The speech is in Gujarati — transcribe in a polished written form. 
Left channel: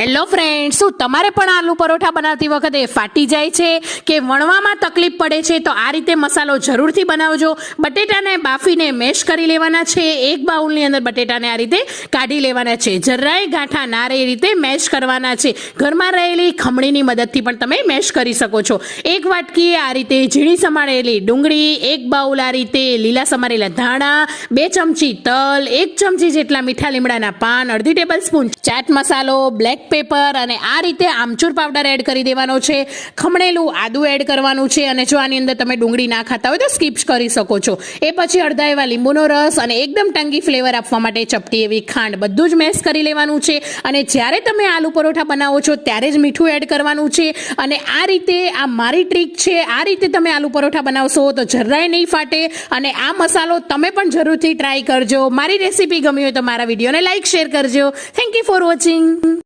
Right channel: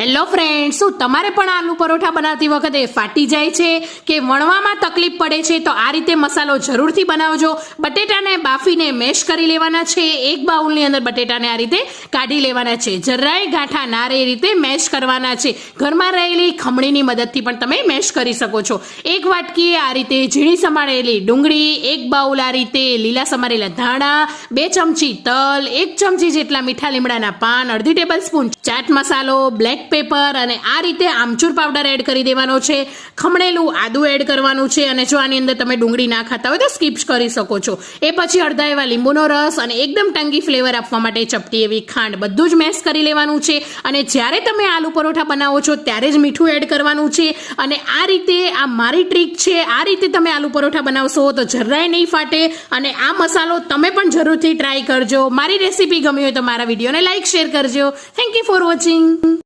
હેલો ફ્રેન્ડ, શું તમારે પણ આલુ પરોઠા બનાવતી વખતે ફાટી જાય છે કે વણવામાં તકલીફ પડે છે? તો આ રીતે મસાલો જરૂરથી બનાવજો. બટેટાને બાફીને મેશ કરી લેવાના છે. એક બાઉલની અંદર બટેટાને આ રીતે કાઢી લેવાના છે. જરાય ગાંઠા ના રહે એ રીતે મેશ કરવાના છે. ઘરમાં રહેલી ખમણીની મદદથી પણ તમે મેશ કરી શકો છો. એક વાટકી આ રીતે ઝીણી સમારેલી ડુંગળી, એક બાઉલ આ રીતે લીલા સમારેલા ધાણા, 2 ચમચી તલ, 1 ચમચી જેટલા મીઠા લીમડાના પાન, અડધી ટેબલ સ્પૂન ચાટ મસાલો, બ્લેક પેપર અને આ રીતે આમચૂર પાવડર એડ કરી દેવાનો છે. ખમણેલું આદુ એડ કરવાનું છે અને જો આની અંદર તમે ડુંગળી ના ખાતા હોય તો સ્કીપ કરી શકો છો. એ પછી અડધા એવા લીંબુનો રસ અને એકદમ ટંગી ફ્લેવર આપવા માટે ચપટી એવી ખાંડ, બધું જ મેશ કરી લેવાનું છે. અને જ્યારે તમે આલુ પરોઠા બનાવો છો ત્યારે જ મીઠું એડ કરવાનું છે. અને આ રીતે, આ મારી ટ્રીક છે, આ રીતે તમે આલુ પરોઠા બનાવશો તો જરાય નહીં ફાટે. અને આ મસાલો તમે પણ જરૂરથી ટ્રાય કરજો. મારી રેસીપી ગમી હોય તો મારા વિડીયોને લાઈક, શેર કરજો. Thank you for watching.